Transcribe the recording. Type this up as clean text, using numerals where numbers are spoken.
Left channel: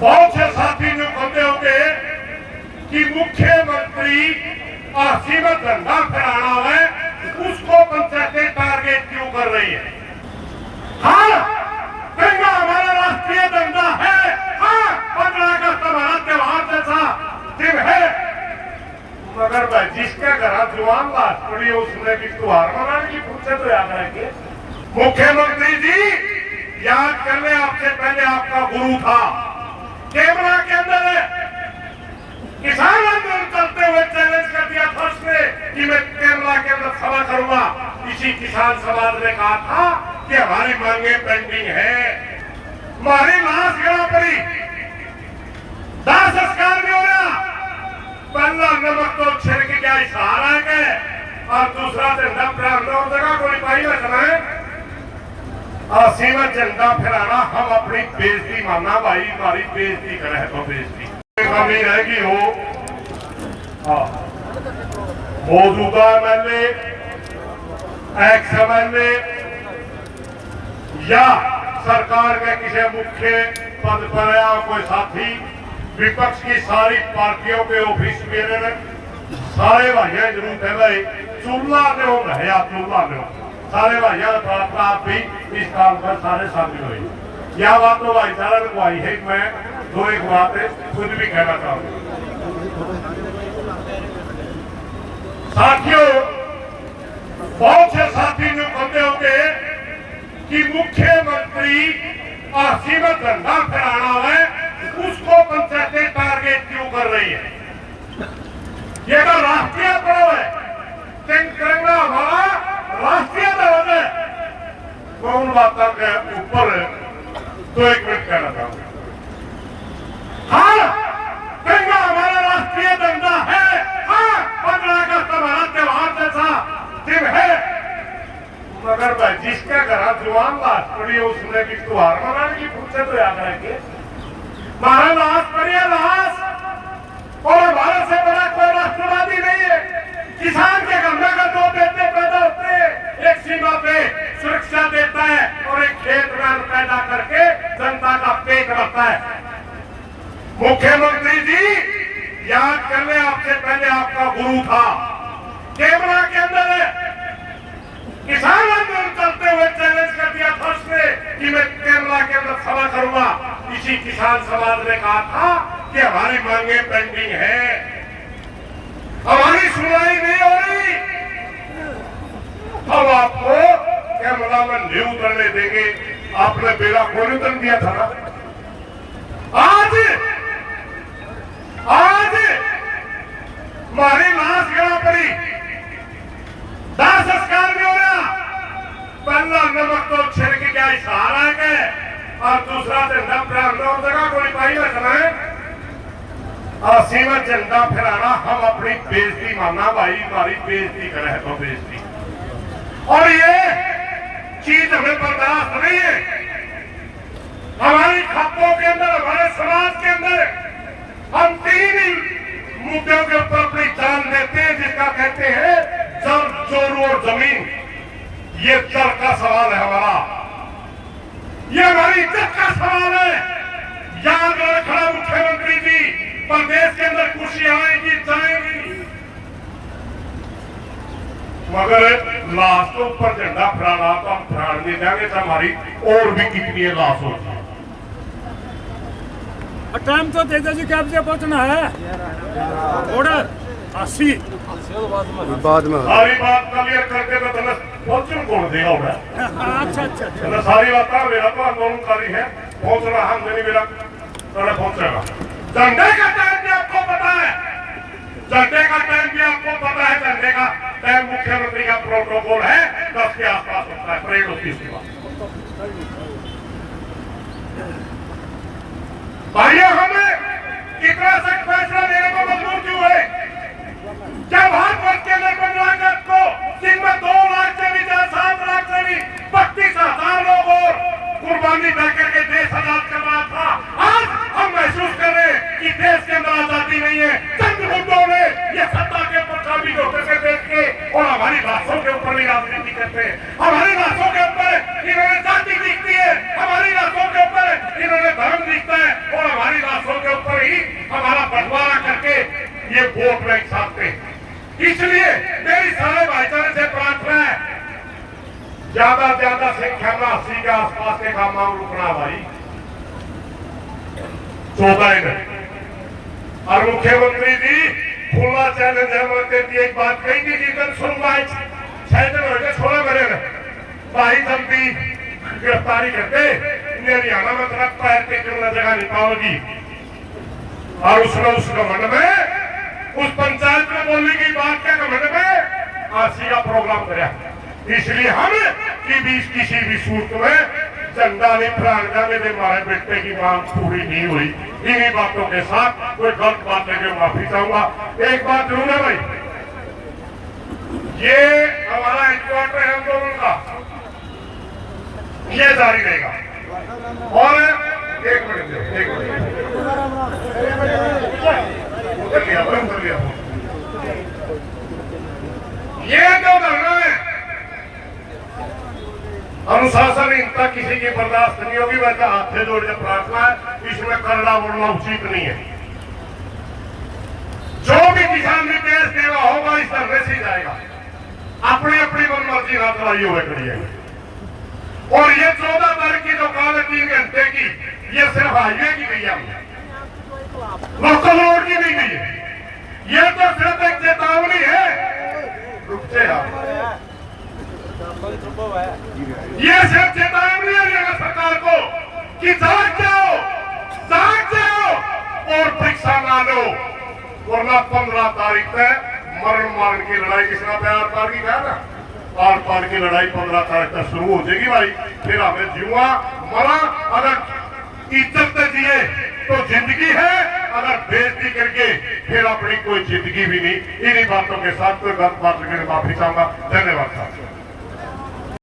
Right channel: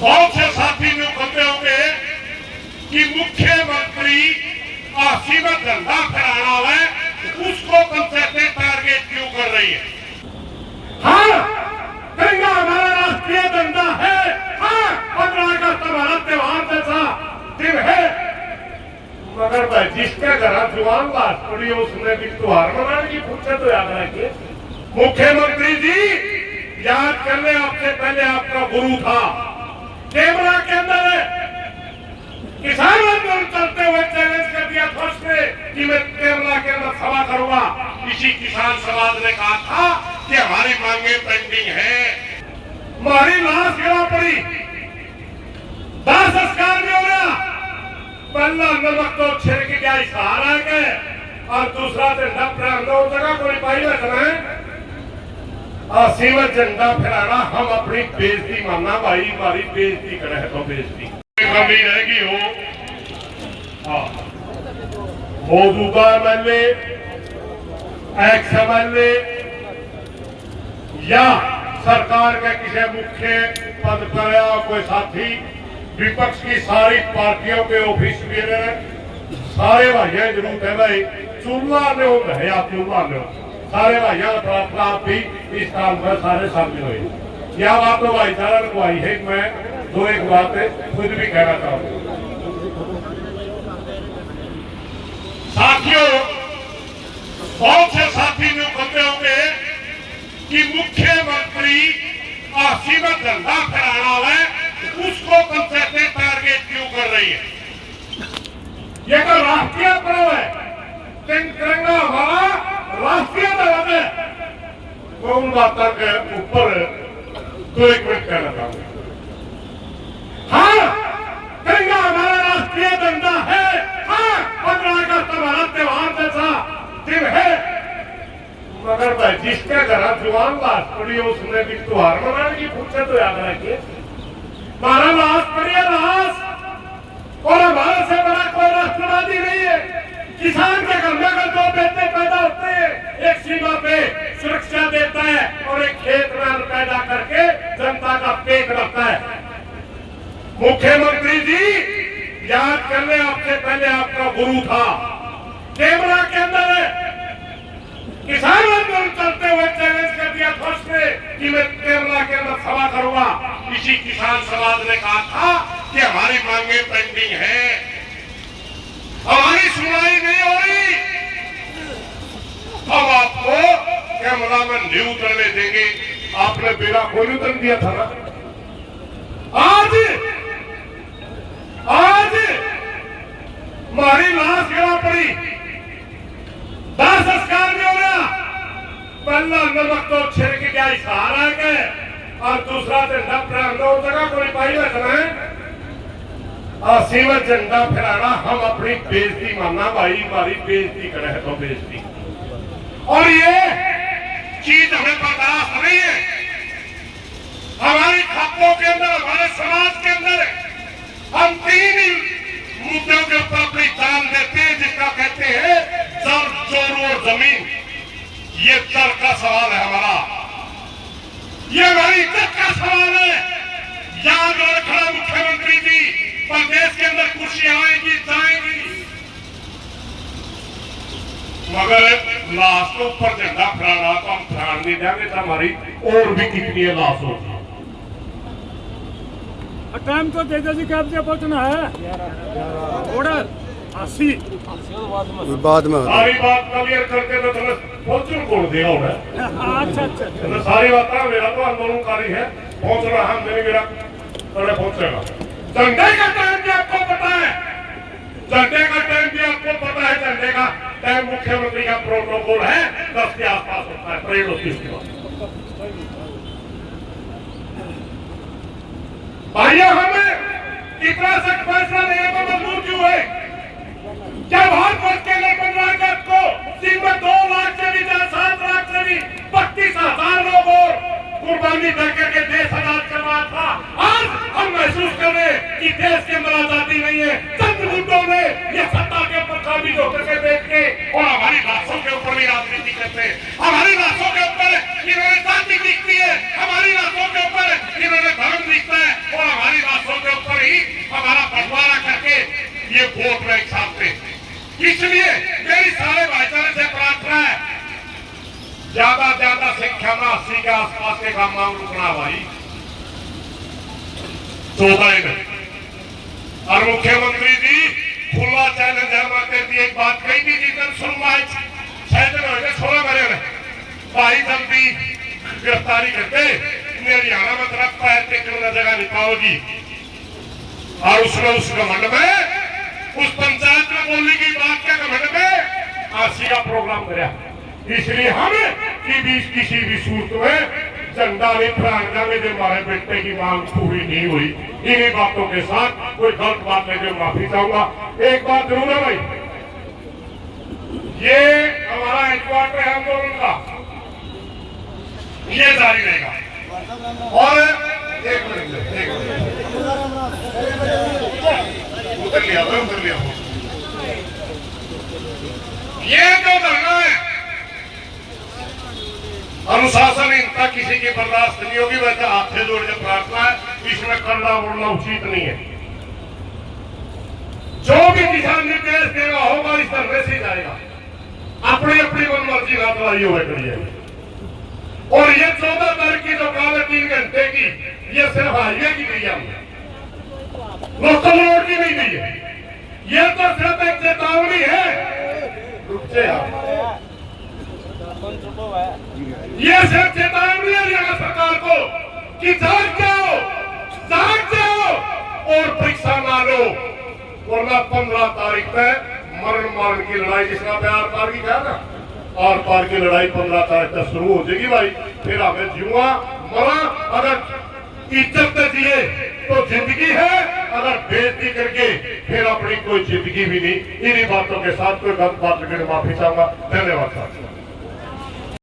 बहुत से साथी जो कहते होंगे कि मुख्यमंत्री सीमित धंधा फैलाना है, उसको कंसेप्ट टारगेट क्यों कर रही है? हाँ, दंगा हमारा राष्ट्रीय दंगा है। हाँ, 15 अगस्त हमारा त्योहार जैसा दिन है, मगर भाई जिसके घर जुआन बात पड़ी उसने भी त्योहार मनाने की फुर्सत तो याद है। मुख्यमंत्री जी, याद कर ले, आपसे पहले आपका गुरु था केवड़ा के अंदर किसान आंदोलन चलते हुए चैलेंज कर दिया था उसने कि मैं केरला के अंदर सभा करूंगा। इसी किसान समाज ने कहा था कि हमारी मांगे पेंडिंग है, हमारी लाश गिरा पड़ी, दाह संस्कार नहीं हो रहा। पहला नमक तो छिड़क गया इशारा है और दूसरा झंडा फहराना जगह कोई पाई ना चलाए और सीमित झंडा फहराना हम अपनी बेइज्जती मानना। भाई हमारी बेइज्जती करे तो बेइज्जती कमी रहेगी हो। मौजूदा एमएलए, एक्स एमएलए या सरकार के किसी मुख्य पद पर या कोई साथी विपक्ष की सारी पार्टियों के ऑफिस में सारे भाइयों जरूर है भाई चूल्हा ने हो या चूल्हा ने हो, सारे भाइयों आप भी इस काम पर सारे शामिल हुए। यह बात तो भाईचारा को आई है। मैं दो एक बातें खुद भी कहना चाहूंगा। साथियों, बहुत से साथी जो कहते होंगे कि मुख्यमंत्री सीमित धंधा फैलाना है, उसको कंसेप्ट टारगेट क्यों कर रही है? ये तो राष्ट्रीय पर्व है, तिरंगा हमारा राष्ट्रीय ध्वज है। मैं उन बातों के ऊपर तो एक मिनट कहना चाहूंगा। हाँ, तिरंगा हमारा राष्ट्रीय दंगा है। हाँ, 15 अगस्त हमारा त्योहार जैसा दिन है, मगर भाई जिसके घर जुआन लाश पड़ी उसने भी त्योहार मनाने की फुर्सत तो याद है। हमारा लाश पड़ी है लाश, और हमारे से बड़ा कोई राष्ट्रवादी नहीं है। किसान के घर में अगर दो बेटे पैदा होते हैं, एक सीमा पे सुरक्षा देता है और एक खेत में पैदा करके जनता का पेट भरता है। मुख्यमंत्री जी, याद कर ले, आपसे पहले आपका गुरु था केवड़ा के अंदर किसान आंदोलन चलते हुए चैलेंज कर दिया था उसने कि मैं केरला के अंदर सभा करूंगा। इसी किसान समाज ने कहा था कि हमारी मांगे पेंडिंग है, हमारी सुनवाई नहीं हो रही, हम आपको केरला में नहीं उतरने देंगे। आपने बेड़ा खोल उतर दिया था ना। आज हमारी लाश गिरा पड़ी, दाह संस्कार नहीं हो रहा। पहला नमक तो छिड़क गया इशारा है और दूसरा झंडा फहराना जगह कोई पाई ना चलाए और सीमित झंडा फहराना हम अपनी बेइज्जती मानना। भाई हमारी बेइज्जती करे तो बेइज्जती, और ये चीज हमें बर्दाश्त नहीं है। हमारी खातों के अंदर, हमारे समाज के अंदर हम 3 मुद्दों के ऊपर अपनी जान देते हैं, जिसका कहते हैं जल, जोर और जमीन। ये जल का सवाल है हमारा, ये हमारी इज्जत का सवाल है। याद रखना मुख्यमंत्री जी, प्रदेश के अंदर कुर्सी आएगी जाएगी, मगर लाश के ऊपर झंडा फहराना तो हम फहराने नहीं देंगे। तो हमारी और भी कितनी लाश होगी। टाइम तो दे दीजिए, क्या बजे पहुंचना है? ऑर्डर 80 बाद में सारी बात क्लियर करके मैं तुम्हें पहुंचू कौन दिया होगा। अच्छा, सारी बात मेरा तो आंदोलनकारी है, पहुंचना हम नहीं, मेरा तरह पहुंचेगा। झंडे का टाइम भी आपको पता है, झंडे का टाइम भी आपको पता है। झंडे का टाइम मुख्यमंत्री का प्रोटोकॉल है 10 के आसपास होता है, परेड होती है। भाइयों, हमें कितना सख्त फैसला लेने को मजबूर क्यों है? जब भारत के अंदर 15 अगस्त को दिन में 2 लाख से भी 7 लाख से भी 32,000 लोग और कुर्बानी कर करके देश आजाद करवाया था। आज हम महसूस कर रहे हैं कि देश के अंदर आजादी नहीं है। चंद मुद्दों ने ये सत्ता के ऊपर काबिज होकर के देख के और हमारी लाशों के ऊपर भी राजनीति करते हैं। हमारी लाशों के ऊपर इन्होंने जाति दिखती है, हमारी लाशों के ऊपर इन्होंने धर्म दिखता है और हमारी इसलिए मेरी सारे भाईचारे से प्रार्थना है, ज्यादा संख्या में 80 के आसपास के काम रुकना भाई 14 में। और मुख्यमंत्री जी खुला चैलेंज है, मैं एक बात कही थी जिधर सुनवाई 6 दिन हो गए, 16 करेंगे भाई जल्दी गिरफ्तारी करते हरियाणा में तरफ पैर के कितना जगह निकालोगी। और उस घमंड में उस पंचायत में बोलने की बात के घमंड में आरसी का प्रोग्राम कराया। इसलिए हम किसी भी सूरत में झंडा नहीं फहराना, मेरे हमारे बेटे की मांग पूरी नहीं हुई। इन्हीं बातों के साथ कोई गलत बात लेके माफी चाहूंगा। एक बात जरूर है भाई, ये हमारा हेडक्वार्टर आंदोलन का ये जारी रहेगा। और एक मिनट ये जो धरना है अनुशासनहीनता किसी की बर्दाश्त नहीं होगी। वैसे हाथ से जोड़ के प्रार्थना है, इसमें करना बोलना उचित नहीं है। जो भी किसान ने केस देना होगा इस धरने से जाएगा, अपनी अपनी मनमर्जी हाथ लाई हुए करिएगा। और ये 14 तारीख की जो काल है 3 घंटे की, ये सिर्फ हाईवे की नहीं है, लोकल रोड की नहीं है, ये तो सिर्फ एक चेतावनी है। ये सिर्फ चेतावनी है हरियाणा सरकार को कि जाग जाओ और परीक्षा ना लो, वरना 15 तारीख तक मरण मारण की लड़ाई, जिसका प्यार पार की कहा ना, आर पार की लड़ाई 15 तारीख तक शुरू हो जाएगी भाई। फिर हमें जीवा मरा, अगर इज्जत से जिए तो जिंदगी है, अगर बेइज्जती करके फिर अपनी कोई जिंदगी भी नहीं। इन्हीं बातों के साथ कोई गलत बात करके माफी चाहूंगा। धन्यवाद साहब।